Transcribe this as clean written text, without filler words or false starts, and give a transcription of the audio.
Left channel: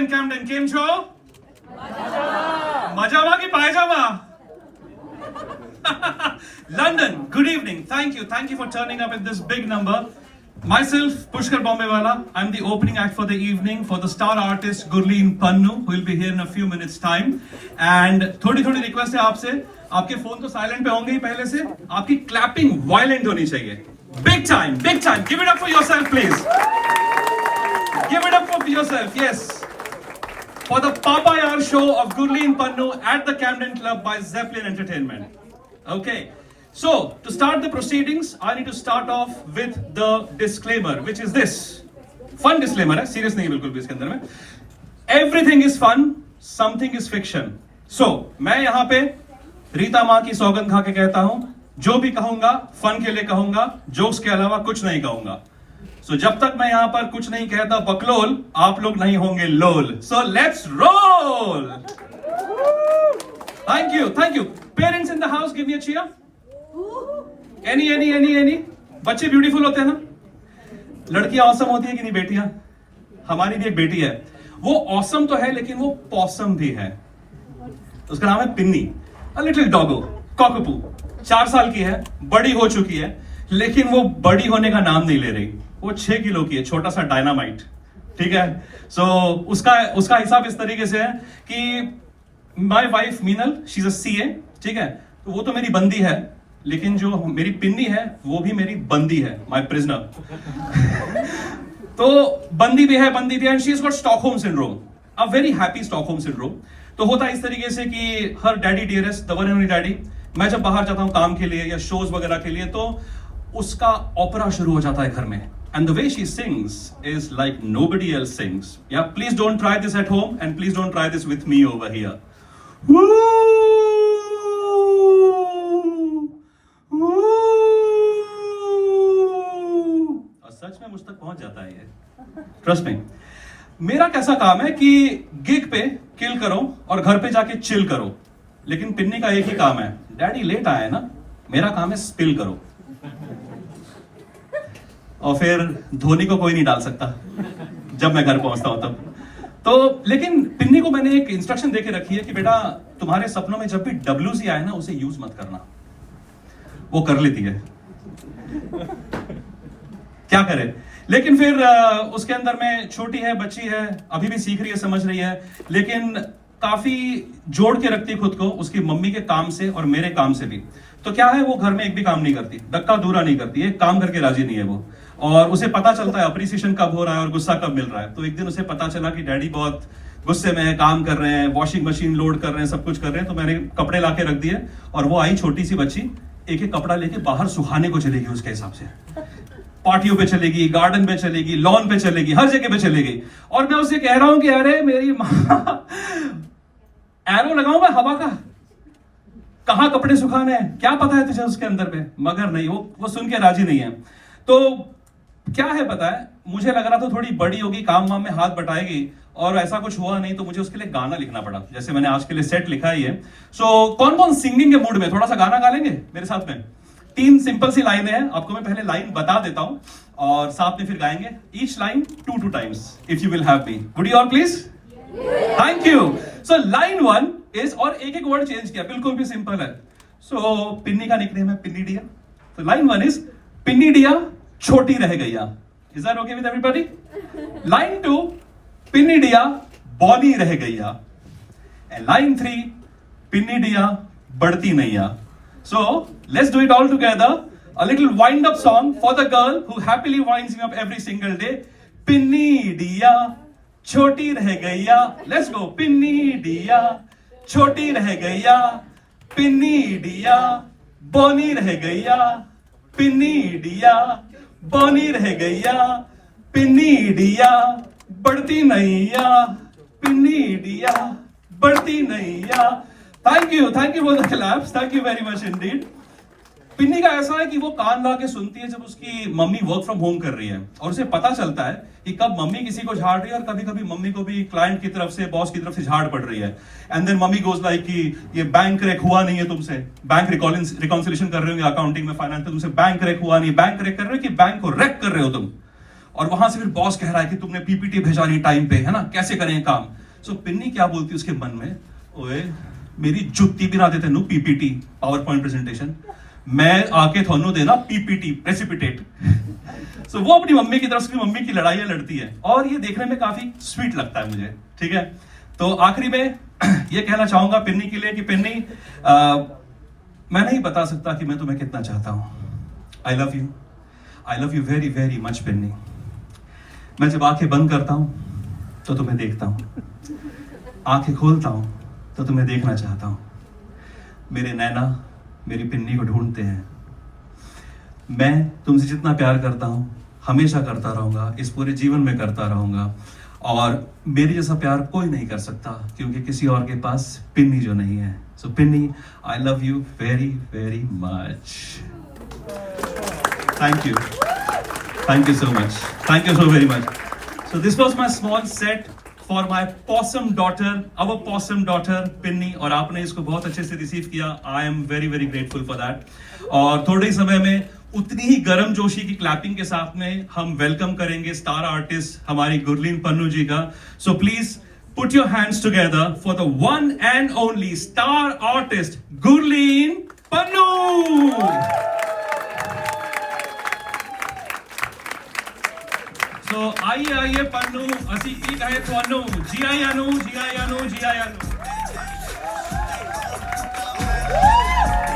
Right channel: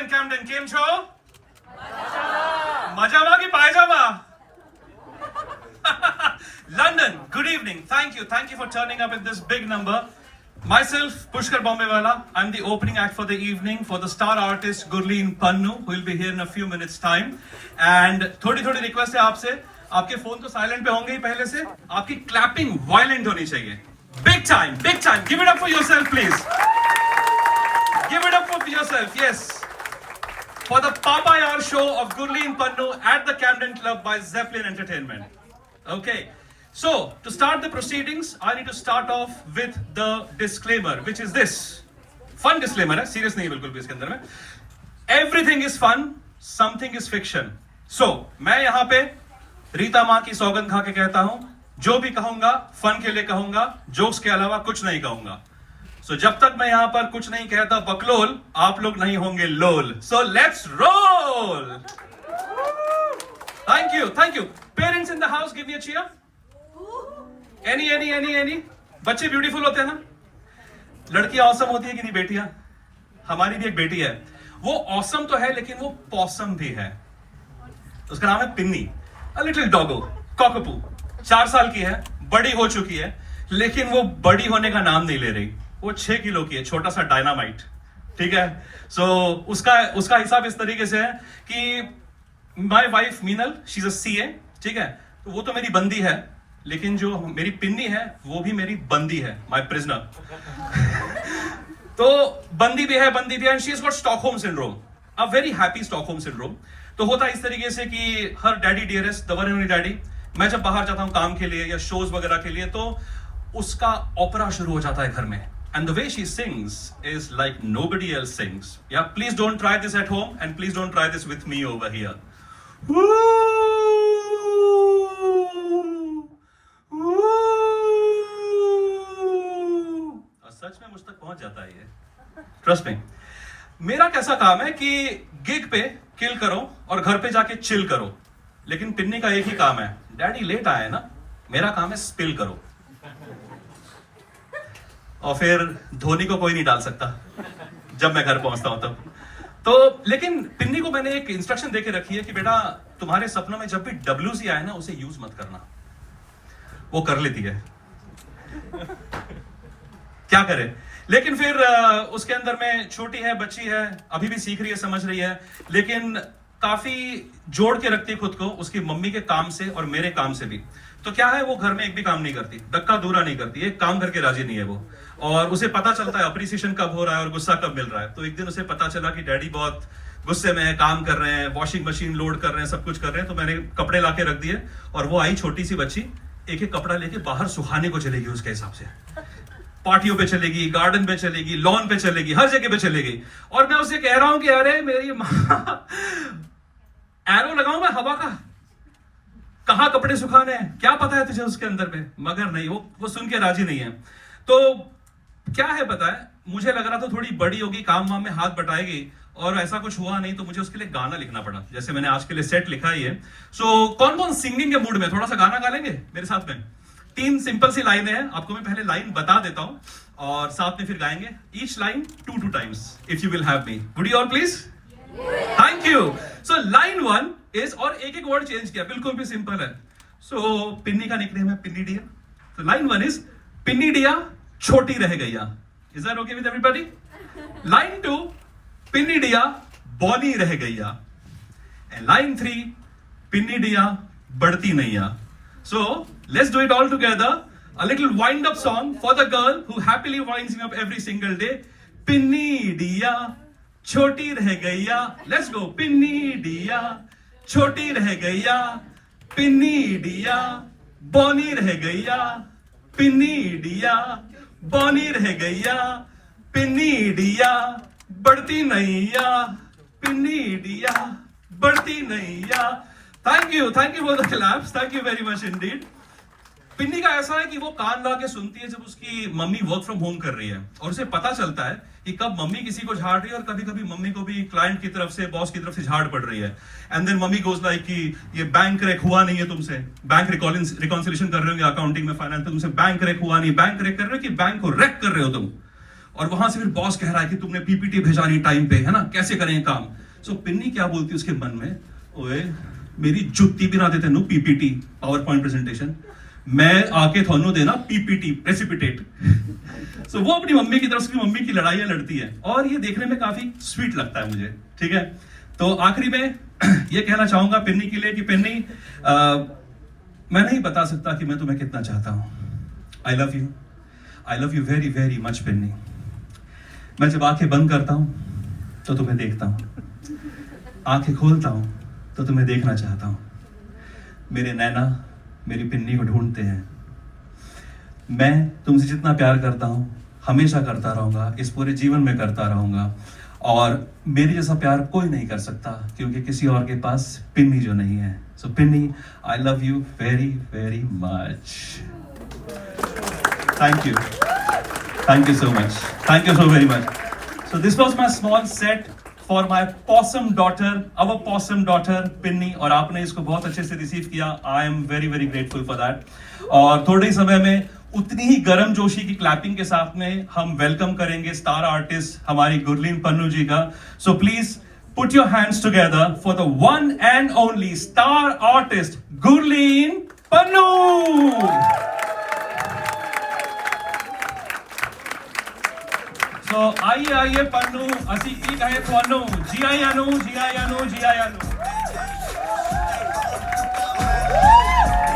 Camden केम छो मजामा की पायजामा London, good evening. Thank you for turning up in this big number. Myself, Pushkar Bombewala. I'm the opening act for the evening for the star artist Gurleen Pannu, who will be here in a few minutes time. And थोड़ी request है आपसे, आपके phone तो silent पे होंगे ही पहले से, आपकी क्लैपिंग वायलेंट होनी चाहिए. Big time. Give it up for yourself, please. Give it up for yourself, yes. For the Papa Yar show of Gurleen Pannu at the Camden Club by Zeppelin Entertainment. Okay. So, to start the proceedings, I need to start off with the disclaimer, which is this. Fun disclaimer है, serious नहीं है बिल्कुल भी इसके अंदर में. Everything is fun, something is fiction. So, मैं यहाँ पे रीता माँ की सौगंध खा के कहता हूँ, जो भी कहूँगा, फन के लिए कहूँगा, जोक्स के अलावा कुछ नहीं कहूँगा. So, जब तक मैं यहाँ पर कुछ नहीं कहता बकलोल, आप लोग नहीं होंगे लोल. So, let's roll! Thank you. Parents in the house, give me a cheer. Any? बच्चे ब्यूटीफुल होते हैं ना? लड़कियां ऑसम होती है कि नहीं बेटियां? हमारी भी एक बेटी है. वो ऑसम तो है लेकिन वो पॉसम भी है. उसका नाम है पिन्नी. A little doggo, cockapoo. 4 साल की है, बड़ी हो चुकी है, लेकिन वो बड़ी होने का नाम नहीं ले रही. वो 6 किलो की है, छोटा सा डायनामाइट. ठीक है? So उसका हिसाब इस तरीके से है कि My wife Meenal, she's a CA, ठीक है? तो वो तो मेरी बंदी है, लेकिन जो मेरी पिन्नी है वो भी मेरी बंदी है, माय प्रिजनर. तो बंदी भी है and she has got Stockholm syndrome, a very happy Stockholm syndrome. तो होता है इस तरीके से कि हर daddy dearest, the one and only daddy, मैं जब बाहर जाता हूँ काम के लिए या शोज वगैरह के लिए, तो उसका ओपेरा शुरू हो जाता है घर में. And the way she sings is like nobody else sings. Yeah, please don't try this at home and please don't try this with me over here. Woo! सच में मुझ तक पहुंच जाता है ये. Trust me. मेरा कैसा काम है कि गिग पे किल करो और घर पे जाके चिल करो. लेकिन पिन्नी का एक ही काम है, डैडी लेट आया है ना, मेरा काम है स्पिल करो. और फिर धोनी को कोई नहीं डाल सकता जब मैं घर पहुंचता हूं तब. तो लेकिन पिन्नी को मैंने एक इंस्ट्रक्शन देके रखी है कि बेटा तुम्हारे सपनों में जब भी WC आए ना, उसे यूज मत करना. वो कर लेती है, क्या करे. लेकिन फिर उसके अंदर में छोटी है, बच्ची है, अभी भी सीख रही है, समझ रही है, लेकिन काफी जोड़ के रखती है खुद को उसकी मम्मी के काम से और मेरे काम से भी. तो क्या है, वो घर में एक भी काम नहीं करती, धक्का दूरा नहीं करती, एक काम करके राजी नहीं है वो. और उसे पता चलता है अप्रिसिएशन कब हो रहा है और गुस्सा कब मिल रहा है. तो एक दिन उसे पता चला कि डैडी बहुत गुस्से में है, काम कर रहे हैं, वॉशिंग मशीन लोड कर रहे हैं, सब कुछ कर रहे हैं. तो मैंने कपड़े लाके रख दिए और वो आई छोटी सी बच्ची, एक एक कपड़ा लेके बाहर सुखाने को चलेगी. उसके हिसाब से पार्टियों पे चलेगी, गार्डन पे चलेगी, लॉन पे चलेगी, हर जगह पे चलेगी. और मैं उसे कह रहा हूं कि अरे मेरी माँ, एरो लगाऊं मैं हवा का, कहां कपड़े सुखाने हैं, क्या पता है तुझे उसके अंदर में. मगर नहीं, वो सुन के राजी नहीं है. तो क्या है पता है, मुझे लग रहा था थोड़ी बड़ी होगी, काम वाम में हाथ बटाएगी, और ऐसा कुछ हुआ नहीं. तो मुझे उसके लिए गाना लिखना पड़ा, जैसे मैंने आज के लिए सेट लिखा ही है. सो कौन सिंगिंग के मूड में थोड़ा सा गाना गा लेंगे मेरे साथ में? 3 सिंपल सी लाइनें हैं, आपको मैं पहले लाइन बता देता हूं और साथ में फिर गाएंगे. Each line 2 times if you will have me. Would you all please? Thank you. So line 1 is, और एक वर्ड चेंज किया, बिल्कुल भी सिंपल है. सो पिन्नी का निकनेम है पिन्नी डिया. तो लाइन 1 इज पिन्नी डिया छोटी रह गईया. Is that okay with everybody? Line 2 पिन्नी डिया बॉनी रह गईया. एंड लाइन 3 पिन्नी डिया बढ़ती नैया. So let's do it all together. A little wind up song for the girl who happily winds me up every single day. Pinni diya choti reh gaiya. Let's go. Pinni diya choti reh gaiya. Pinni diya boni reh gaiya. Pinni diya boni reh gaiya. Pinni diya बढ़ती नैया. Pinni diya बढ़ती नैया. Thank you for the claps. Thank you very much indeed. पिन्नी का ऐसा है कि वो कान ला के सुनती है जब उसकी मम्मी वर्क फ्रॉम होम कर रही है, और उसे पता चलता है कि कब मम्मी किसी को झाड़ रही है और कभी कभी मम्मी को भी क्लाइंट की तरफ से, बॉस की तरफ से झाड़ पड़ रही है. And then mummy goes like कि ये बैंक रेक हुआ नहीं है तुमसे, बैंक रिकॉन्सिलेशन कर रहे हो अकाउंटिंग में, फाइनेंस में, तुमसे बैंक रेक हुआ नहीं. बैंक रेक कर रहे हो कि बैंक को रेक कर रहे हो तुम. और वहां से फिर बॉस कह रहा है कि तुमने पीपीटी भेजा नहीं टाइम पे, है ना, कैसे करें काम। सो पिन्नी क्या बोलती है उसके मन में, ओए मेरी जुत्ती भी ना देते नु पीपीटी पावर पॉइंट प्रेजेंटेशन, मैं आके थानू देना पीपीटी प्रेसिपिटेट। सो वो अपनी मम्मी की तरफ से मम्मी की लड़ाइयां लड़ती है और ये देखने में काफी स्वीट लगता है मुझे, ठीक है। तो आखिरी में ये कहना चाहूंगा पिन्नी के लिए कि पिन्नी, मैं नहीं बता सकता कि मैं तुम्हें कितना चाहता हूं। I love you very very much Pinni. मैं जब आंखें बंद करता हूं तो तुम्हें देखता हूं, आंखें खोलता हूं तो तुम्हें देखना चाहता हूं। मेरे नैना मेरी पिन्नी को ढूंढते हैं। मैं तुमसे जितना प्यार करता हूं हमेशा करता रहूंगा, इस पूरे जीवन में करता रहूंगा, और मेरे जैसा प्यार कोई नहीं कर सकता क्योंकि किसी और के पास पिन्नी जो नहीं है। So Pinni, I love you very very much. Thank you so much, thank you so very much. So this was my small set for my possum daughter, our possum daughter पिन्नी, और आपने इसको बहुत अच्छे से रिसीव किया। I am very very grateful for that. और थोड़े ही समय में उतनी ही गर्म जोशी की क्लैपिंग के साथ में हम वेलकम करेंगे स्टार आर्टिस्ट हमारी गुरलीन पन्नू जी का। So please put your hands together for the one and only star artist Gurleen Pannu. So आइए पन्नू, असी की कहे थानू, जी आयानू।